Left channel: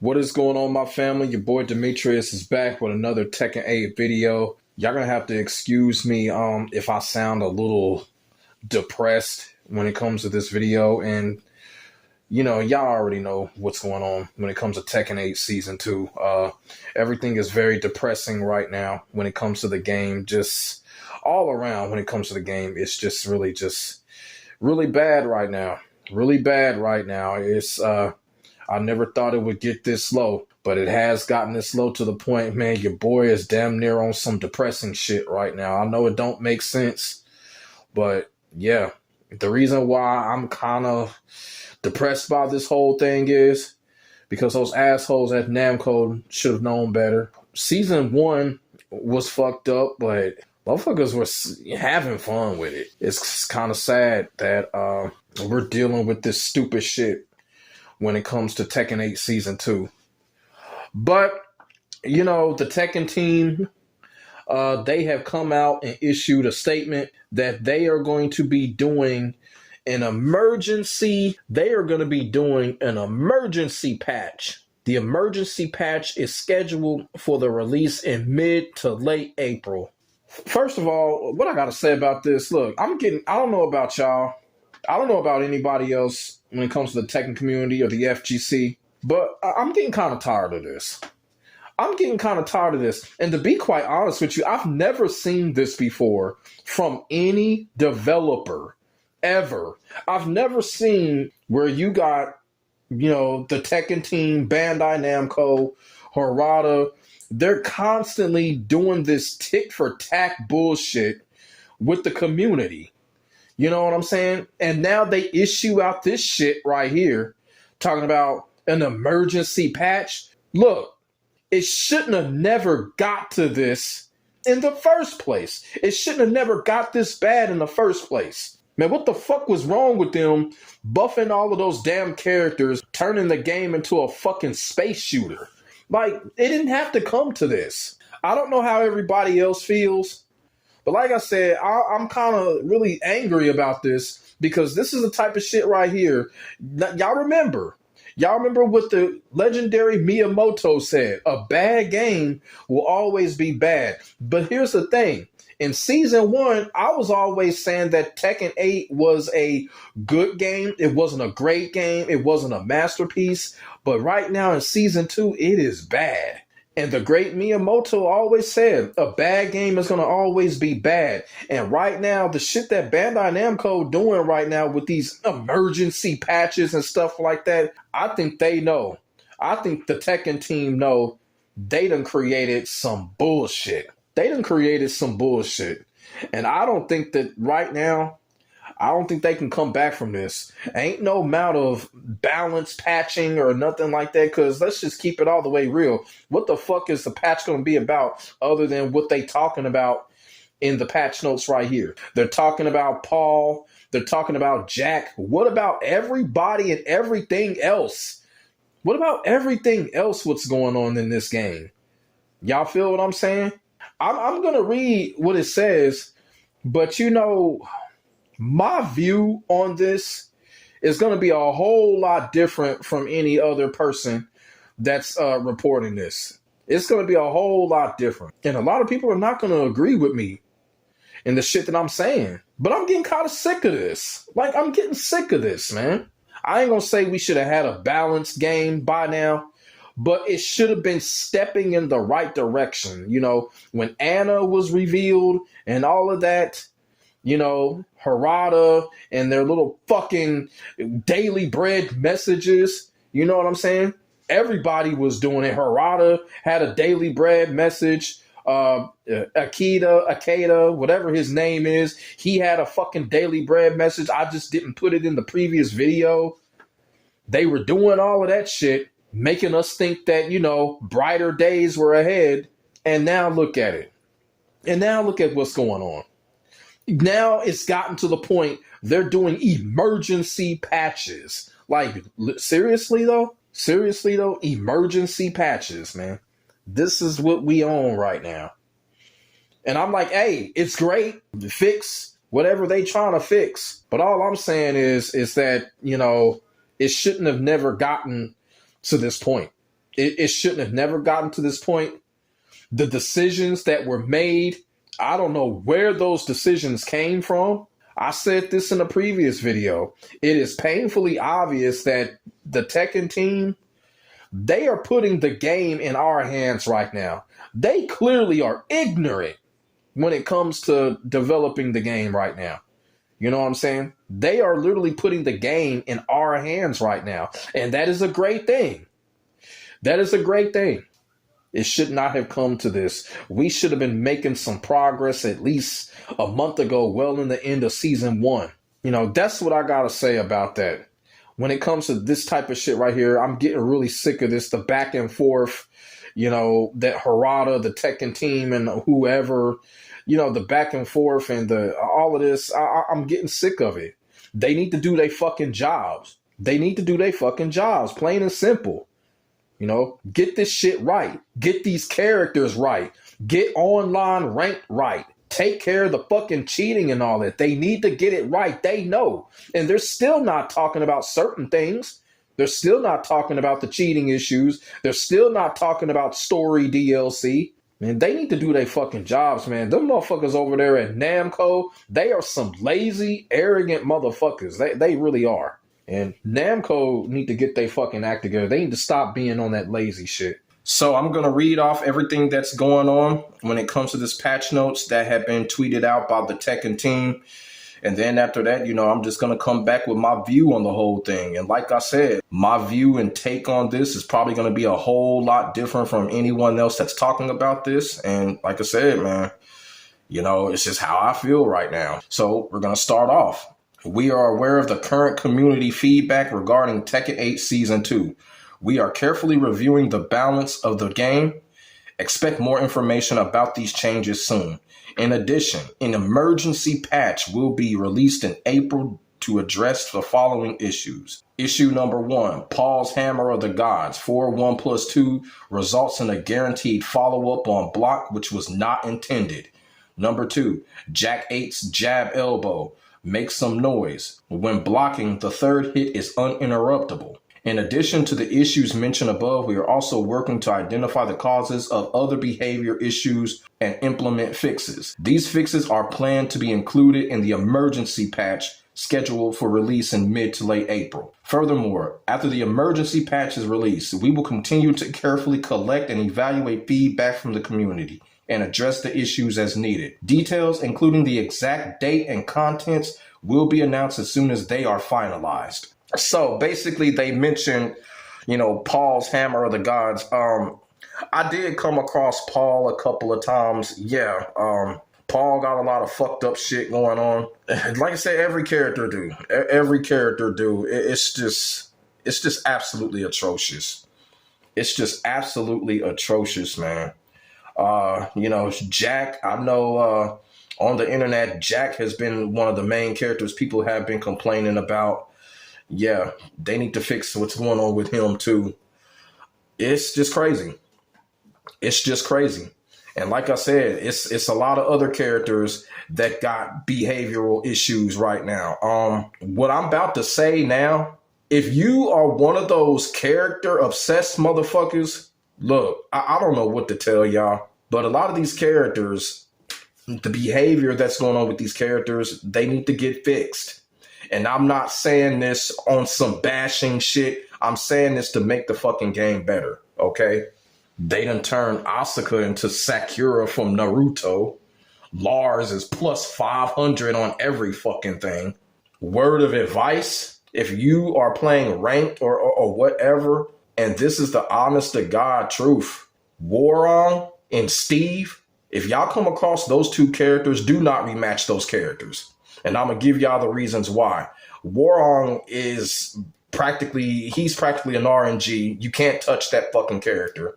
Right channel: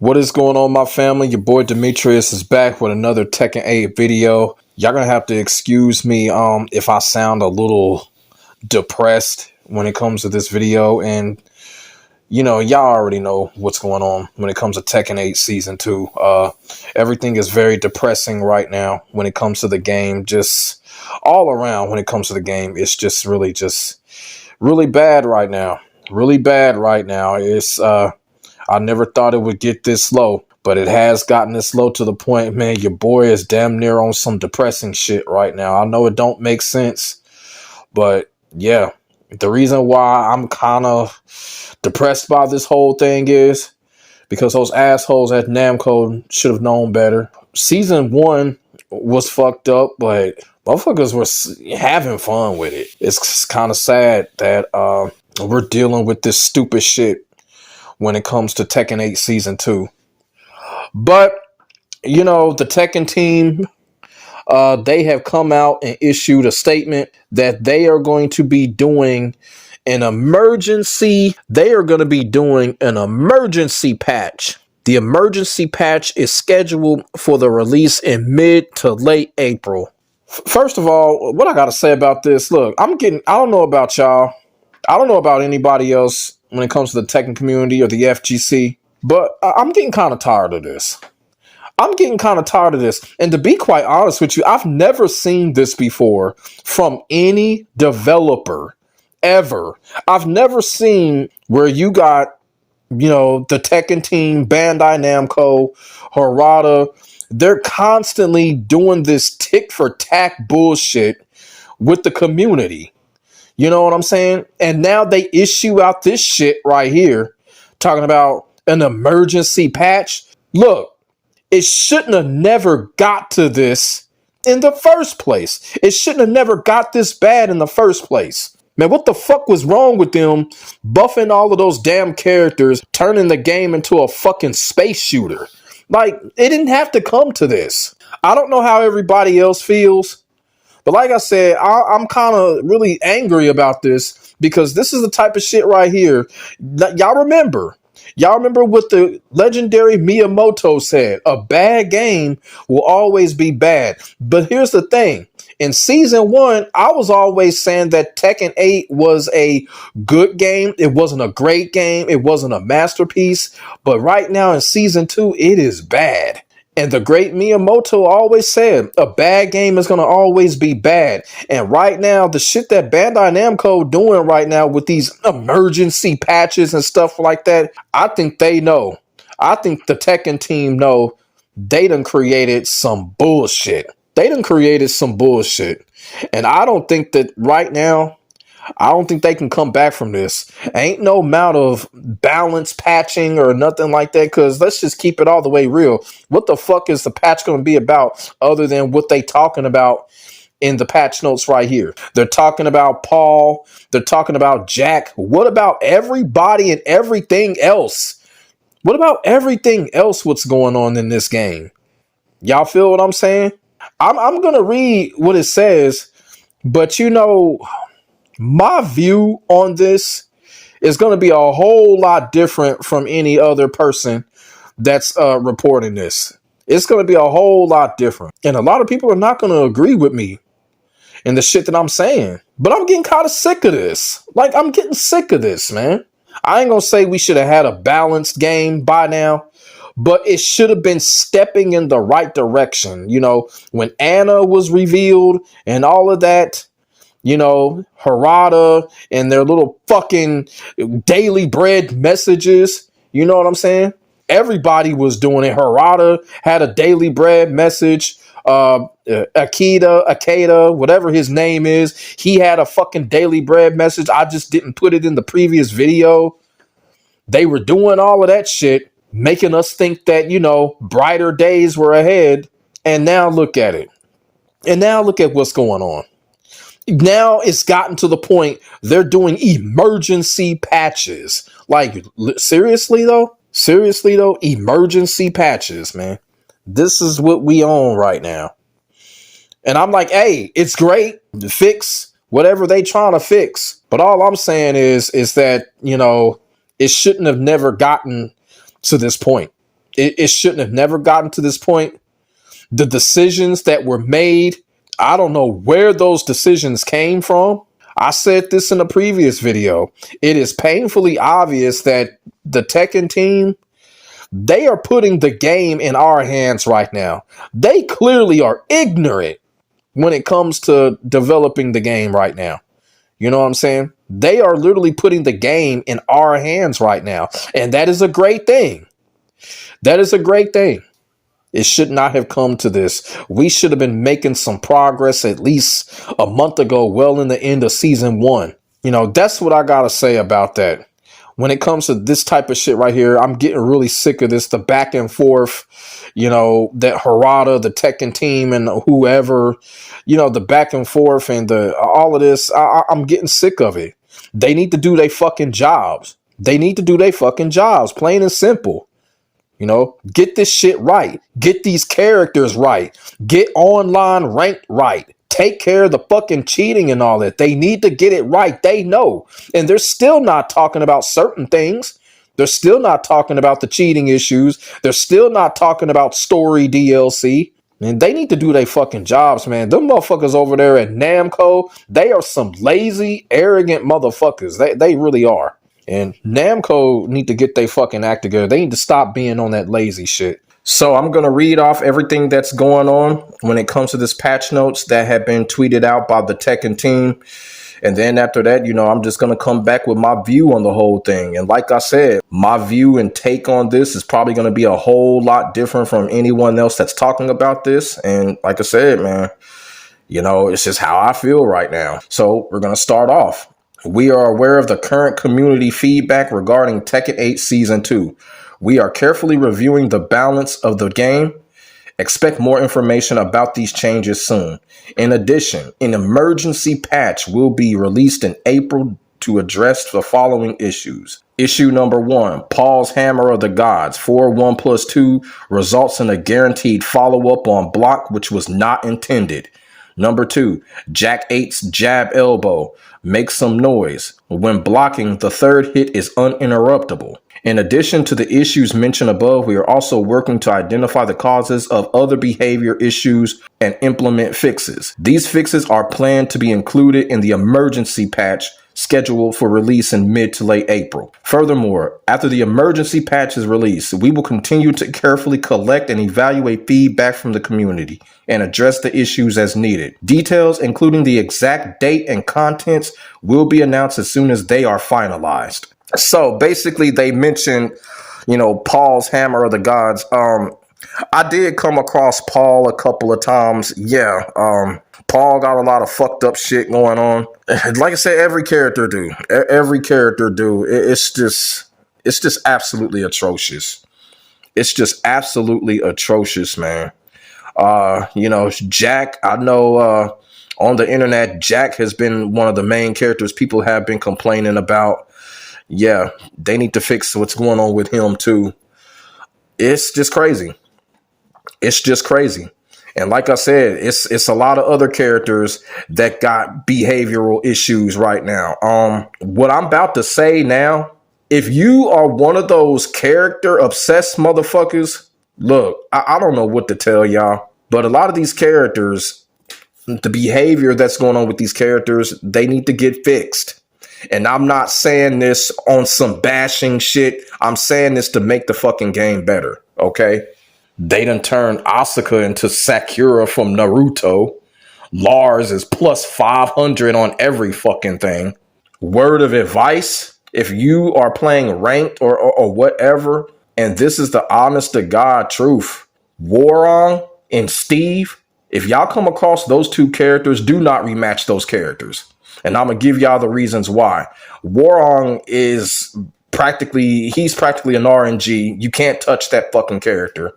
What is going on, my family? Your boy Demetrius is back with another Tekken 8 video. Y'all gonna have to excuse me if I sound a little depressed when it comes to this video. And y'all already know what's going on when it comes to Tekken 8 Season 2. Everything is very depressing right now when it comes to the game. Just all around when it comes to the game, it's just really bad right now. Really bad right now. I never thought it would get this low, but it has gotten this low to the point, man, your boy is damn near on some depressing shit right now. I know it don't make sense, but yeah, the reason why I'm kind of depressed by this whole thing is because those assholes at Namco should have known better. Season 1 was fucked up, but motherfuckers were having fun with it. It's kind of sad that we're dealing with this stupid shit when it comes to Tekken 8 Season 2. But, the Tekken Team, they have come out and issued a statement that they are going to be doing an emergency. They are going to be doing an emergency patch. The emergency patch is scheduled for the release in mid to late April. First of all, what I got to say about this, look, I don't know about y'all. I don't know about anybody else when it comes to the Tekken community or the FGC, but I'm getting kind of tired of this. And to be quite honest with you, I've never seen this before from any developer ever. I've never seen where you got, the Tekken Team, Bandai Namco, Harada. They're constantly doing this tick for tack bullshit with the community. You know what I'm saying? And now they issue out this shit right here, talking about an emergency patch. Look, it shouldn't have never got to this in the first place. It shouldn't have never got this bad in the first place. Man, what the fuck was wrong with them buffing all of those damn characters, turning the game into a fucking space shooter? Like, it didn't have to come to this. I don't know how everybody else feels. But like I said, I'm kind of really angry about this because this is the type of shit right here. Y'all remember what the legendary Miyamoto said, a bad game will always be bad. But here's the thing. In Season 1, I was always saying that Tekken 8 was a good game. It wasn't a great game. It wasn't a masterpiece. But right now in Season 2, it is bad. And the great Miyamoto always said, a bad game is going to always be bad. And right now, the shit that Bandai Namco doing right now with these emergency patches and stuff like that, I think they know. I think the Tekken team know they done created some bullshit. And I don't think that right now, I don't think they can come back from this. Ain't no amount of balance patching or nothing like that, because let's just keep it all the way real. What the fuck is the patch going to be about other than what they talking about in the patch notes right here? They're talking about Paul. They're talking about Jack. What about everybody and everything else? What about everything else what's going on in this game? Y'all feel what I'm saying? I'm going to read what it says, but my view on this is going to be a whole lot different from any other person that's reporting this. It's going to be a whole lot different. And a lot of people are not going to agree with me in the shit that I'm saying. But I'm getting kind of sick of this. Like, I'm getting sick of this, man. I ain't going to say we should have had a balanced game by now, but it should have been stepping in the right direction. When Anna was revealed and all of that, Harada and their little fucking daily bread messages. You know what I'm saying? Everybody was doing it. Harada had a daily bread message. Akeda, whatever his name is, he had a fucking daily bread message. I just didn't put it in the previous video. They were doing all of that shit, making us think that, brighter days were ahead. And now look at it. And now look at what's going on. Now it's gotten to the point they're doing emergency patches. Like, seriously though, emergency patches, man. This is what we own right now. And I'm like, hey, it's great. Fix whatever they trying to fix. But all I'm saying is that, it shouldn't have never gotten to this point. It shouldn't have never gotten to this point. The decisions that were made, I don't know where those decisions came from. I said this in a previous video. It is painfully obvious that the Tekken team, they are putting the game in our hands right now. They clearly are ignorant when it comes to developing the game right now. You know what I'm saying? They are literally putting the game in our hands right now. And that is a great thing. That is a great thing. It should not have come to this. We should have been making some progress at least a month ago, well in the end of season 1. You know, that's what I got to say about that. When it comes to this type of shit right here, I'm getting really sick of this. The back and forth, you know, that Harada, the Tekken team and whoever, you know, the back and forth and all of this. I'm getting sick of it. They need to do their fucking jobs. They need to do their fucking jobs, plain and simple. You know, get this shit right. Get these characters right. Get online ranked right. Take care of the fucking cheating and all that. They need to get it right. They know. And they're still not talking about certain things. They're still not talking about the cheating issues. They're still not talking about story DLC. And they need to do their fucking jobs, man. Them motherfuckers over there at Namco, they are some lazy, arrogant motherfuckers. They really are. And Namco need to get their fucking act together. They need to stop being on that lazy shit. So I'm going to read off everything that's going on when it comes to this patch notes that have been tweeted out by the Tekken team. And then after that, you know, I'm just going to come back with my view on the whole thing. And like I said, my view and take on this is probably going to be a whole lot different from anyone else that's talking about this. And like I said, man, you know, it's just how I feel right now. So we're going to start off. We are aware of the current community feedback regarding Tekken 8 Season 2. We are carefully reviewing the balance of the game. Expect more information about these changes soon. In addition, an emergency patch will be released in April to address the following issues. Issue number 1, Paul's Hammer of the Gods. 4-1+2 results in a guaranteed follow-up on block, which was not intended. Number 2, Jack 8's jab elbow. Make some noise. When blocking, the third hit is uninterruptible. In addition to the issues mentioned above, we are also working to identify the causes of other behavior issues and implement fixes. These fixes are planned to be included in the emergency patch scheduled for release in mid to late April. Furthermore, after the emergency patch is released, we will continue to carefully collect and evaluate feedback from the community and address the issues as needed. Details, including the exact date and contents, will be announced as soon as they are finalized. So basically they mentioned, you know, Paul's Hammer of the Gods. I did come across Paul a couple of times. Yeah, Paul got a lot of fucked up shit going on. Like I said, every character do. Every character do. It's just absolutely atrocious. It's just absolutely atrocious, man. You know, Jack, I know on the internet, Jack has been one of the main characters people have been complaining about. Yeah, they need to fix what's going on with him too. It's just crazy. It's just crazy. And like I said, it's a lot of other characters that got behavioral issues right now. What I'm about to say now, if you are one of those character obsessed motherfuckers, look, I don't know what to tell y'all, but a lot of these characters, the behavior that's going on with these characters, they need to get fixed. And I'm not saying this on some bashing shit. I'm saying this to make the fucking game better, okay? They done turned Asuka into Sakura from Naruto. Lars is plus 500 on every fucking thing. Word of advice, if you are playing ranked or whatever, and this is the honest to God truth, Warong and Steve, if y'all come across those two characters, do not rematch those characters. And I'm going to give y'all the reasons why. Warong is he's practically an RNG. You can't touch that fucking character.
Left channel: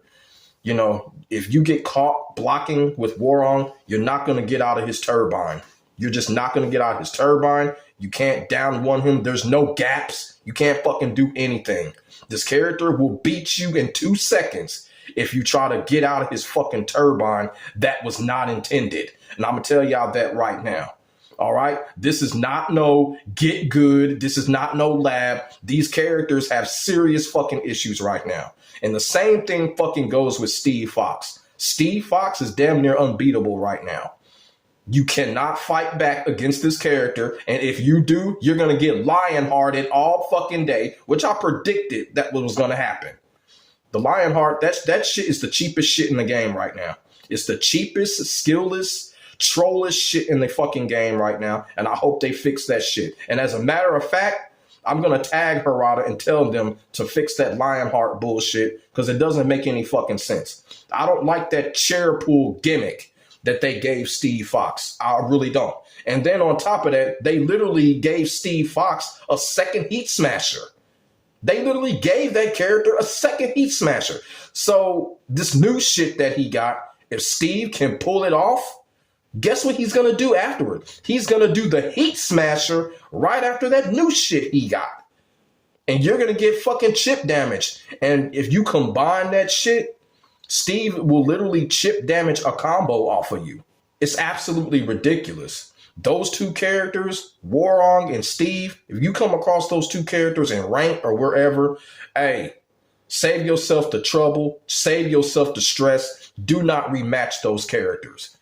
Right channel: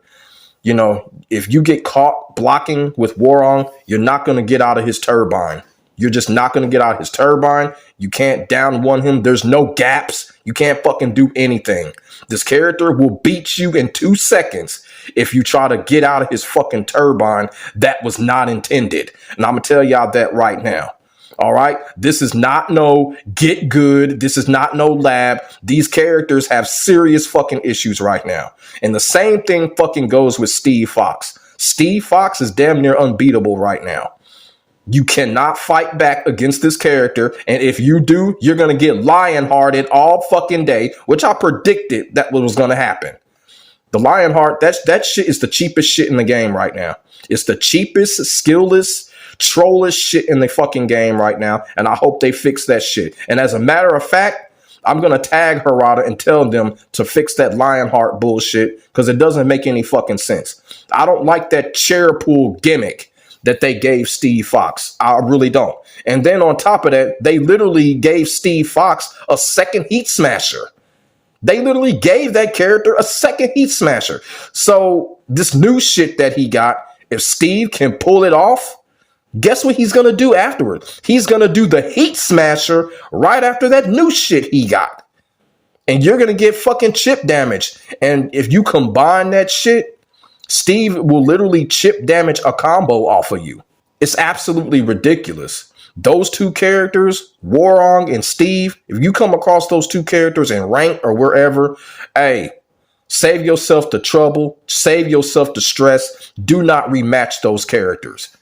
You know, if you get caught blocking with Warong, you're not going to get out of his turbine. You're just not going to get out of his turbine. You can't down one him. There's no gaps. You can't fucking do anything. This character will beat you in 2 seconds if you try to get out of his fucking turbine that was not intended. And I'm going to tell y'all that right now. All right. This is not no get good. This is not no lab. These characters have serious fucking issues right now. And the same thing fucking goes with Steve Fox. Steve Fox is damn near unbeatable right now. You cannot fight back against this character. And if you do, you're going to get lion-hearted all fucking day, which I predicted that was going to happen. The Lionheart, that shit is the cheapest shit in the game right now. It's the cheapest, skillless, trollish shit in the fucking game right now. And I hope they fix that shit. And as a matter of fact, I'm going to tag Harada and tell them to fix that Lionheart bullshit because it doesn't make any fucking sense. I don't like that chair pool gimmick that they gave Steve Fox. I really don't. And then on top of that, they literally gave Steve Fox a second Heat Smasher. They literally gave that character a second Heat Smasher. So this new shit that he got, if Steve can pull it off, guess what he's going to do afterward? He's going to do the Heat Smasher right after that new shit he got. And you're going to get fucking chip damage. And if you combine that shit, Steve will literally chip damage a combo off of you. It's absolutely ridiculous. Those two characters, Warong and Steve, if you come across those two characters in Rank or wherever, hey, save yourself the trouble, save yourself the stress. Do not rematch those characters.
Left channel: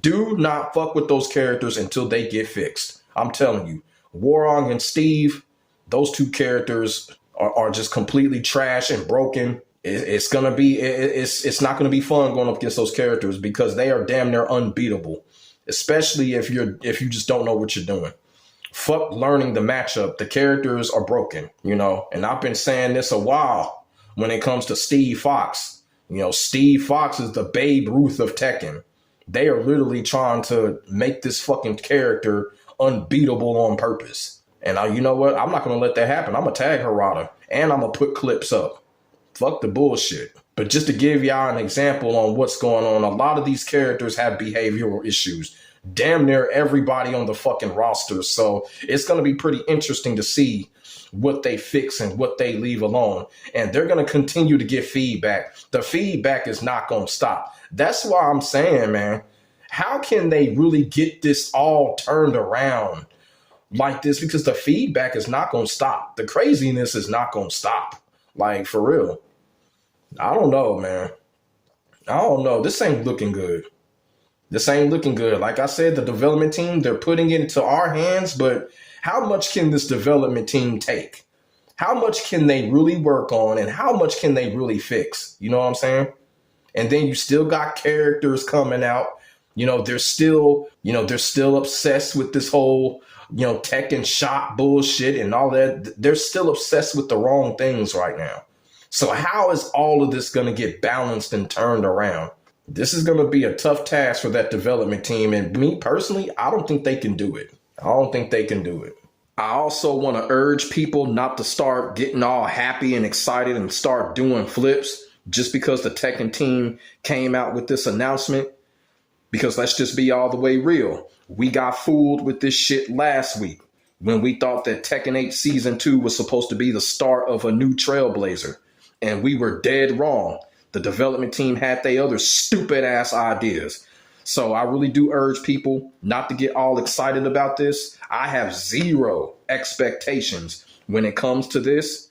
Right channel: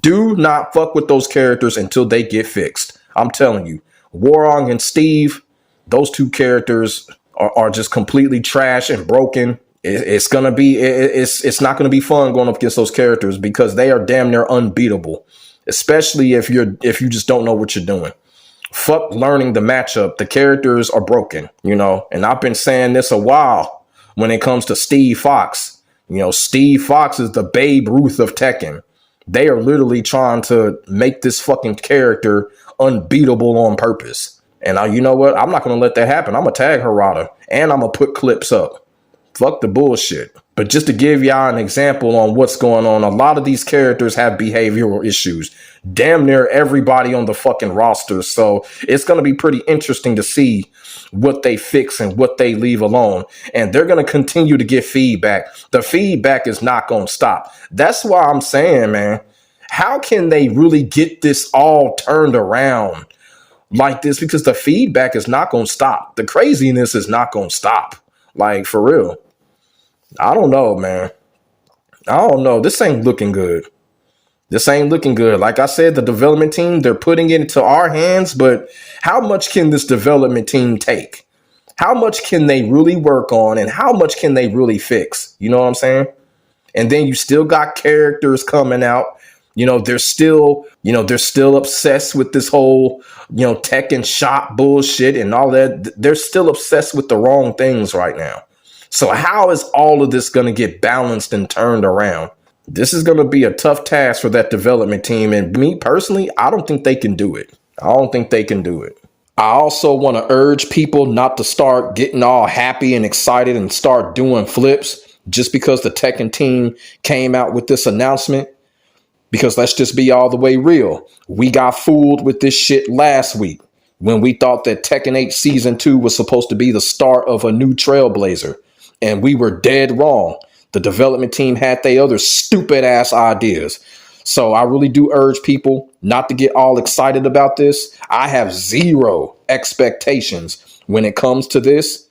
Do not fuck with those characters until they get fixed. I'm telling you, Warong and Steve, those two characters are just completely trash and broken. It's not going to be fun going up against those characters because they are damn near unbeatable. Especially if you just don't know what you're doing. Fuck learning the matchup. The characters are broken, and I've been saying this a while when it comes to Steve Fox. Steve Fox is the Babe Ruth of Tekken. They are literally trying to make this fucking character unbeatable on purpose. And you know what? I'm not going to let that happen. I'm going to tag Harada and I'm going to put clips up. Fuck the bullshit. But just to give y'all an example on what's going on, a lot of these characters have behavioral issues. Damn near everybody on the fucking roster. So it's going to be pretty interesting to see what they fix and what they leave alone. And they're going to continue to get feedback. The feedback is not going to stop. That's why I'm saying, man, how can they really get this all turned around like this? Because the feedback is not going to stop. The craziness is not going to stop. Like, for real. I don't know, man. I don't know. This ain't looking good. This ain't looking good. Like I said, the development team, they're putting it into our hands, but how much can this development team take? How much can they really work on and how much can they really fix? You know what I'm saying? And then you still got characters coming out. They're still obsessed with this whole, Tekken shop bullshit and all that. They're still obsessed with the wrong things right now. So how is all of this going to get balanced and turned around? This is going to be a tough task for that development team. And me personally, I don't think they can do it. I also want to urge people not to start getting all happy and excited and start doing flips just because the Tekken team came out with this announcement. Because let's just be all the way real. We got fooled with this shit last week when we thought that Tekken 8 Season 2 was supposed to be the start of a new trailblazer. And we were dead wrong. The development team had their other stupid ass ideas. So I really do urge people not to get all excited about this. I have zero expectations when it comes to this.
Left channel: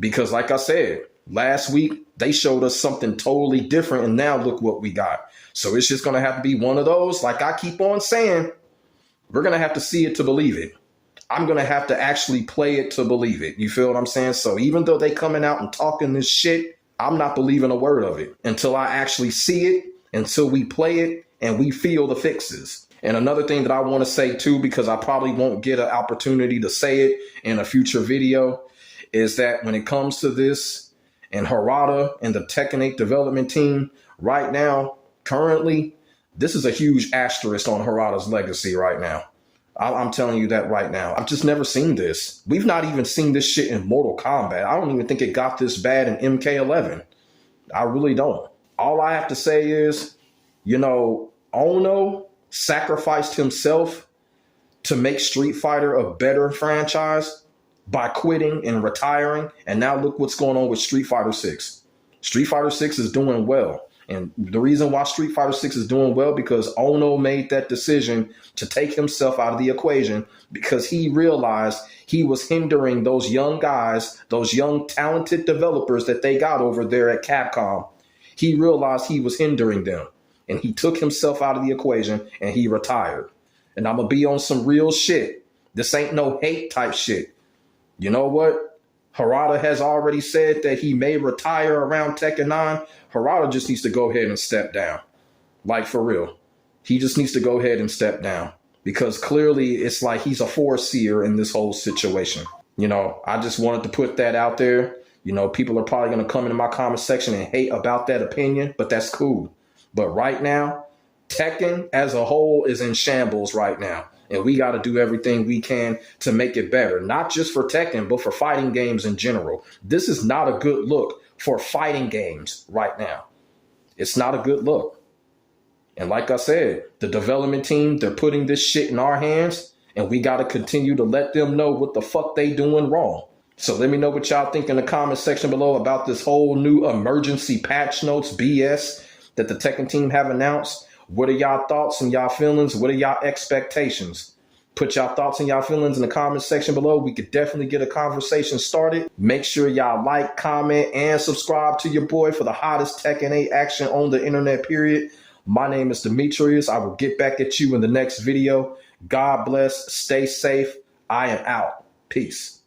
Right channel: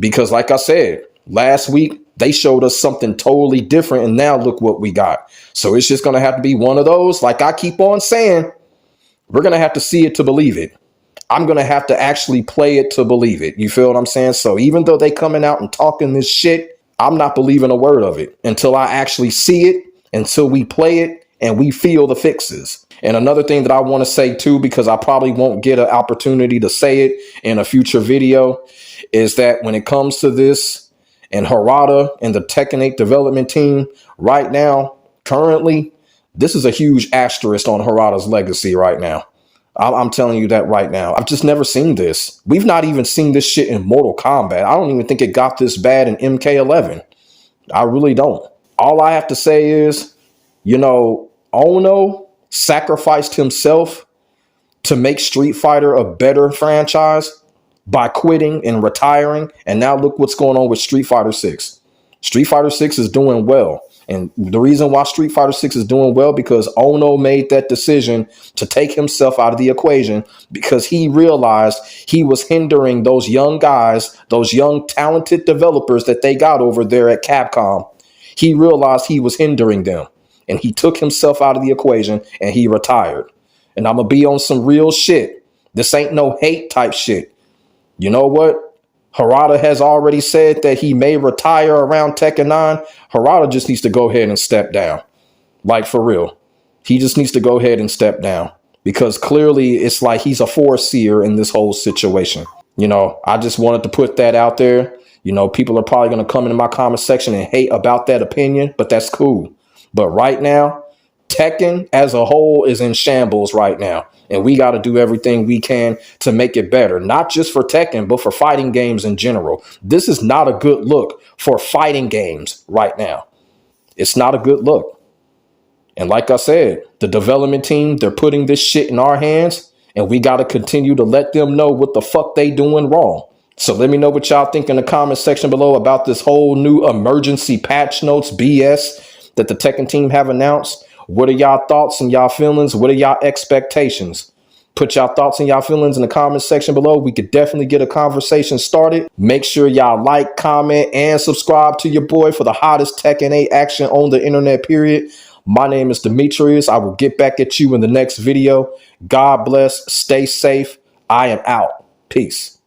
Because like I said, last week, they showed us something totally different. And now look what we got. So it's just going to have to be one of those. Like I keep on saying, we're going to have to see it to believe it. I'm going to have to actually play it to believe it. You feel what I'm saying? So even though they coming out and talking this shit, I'm not believing a word of it until I actually see it, until we play it and we feel the fixes. And another thing that I want to say too, because I probably won't get an opportunity to say it in a future video, is that when it comes to this and Harada and the Tekken 8 development team right now, currently, this is a huge asterisk on Harada's legacy right now. I'm telling you that right now. I've just never seen this. We've not even seen this shit in Mortal Kombat. I don't even think it got this bad in MK11. I really don't. All I have to say is, Ono sacrificed himself to make Street Fighter a better franchise by quitting and retiring. And now look what's going on with Street Fighter 6. Street Fighter 6 is doing well. And the reason why Street Fighter 6 is doing well, because Ono made that decision to take himself out of the equation, because he realized he was hindering those young guys, those young talented developers that they got over there at Capcom. He realized he was hindering them, and he took himself out of the equation and he retired. And I'm going to be on some real shit. This ain't no hate type shit. You know what? Harada has already said that he may retire around Tekken 9. Harada just needs to go ahead and step down. Like, for real. He just needs to go ahead and step down. Because clearly it's like he's a foreseer in this whole situation. You know, I just wanted to put that out there. You know, people are probably going to come into my comment section and hate about that opinion, but that's cool. But right now, Tekken as a whole is in shambles right now. And we got to do everything we can to make it better, not just for Tekken, but for fighting games in general. This is not a good look for fighting games right now. It's not a good look. And like I said, the development team, they're putting this shit in our hands, and we got to continue to let them know what the fuck they doing wrong. So let me know what y'all think in the comment section below about this whole new emergency patch notes BS that the Tekken team have announced. What are y'all thoughts and y'all feelings? What are y'all expectations? Put y'all thoughts and y'all feelings in the comment section below. We could definitely get a conversation started. Make sure y'all like, comment, and subscribe to your boy for the hottest Tekken 8 action on the internet, period. My name is Demetrius. I will get back at you in the next video. God bless. Stay safe. I am out. Peace.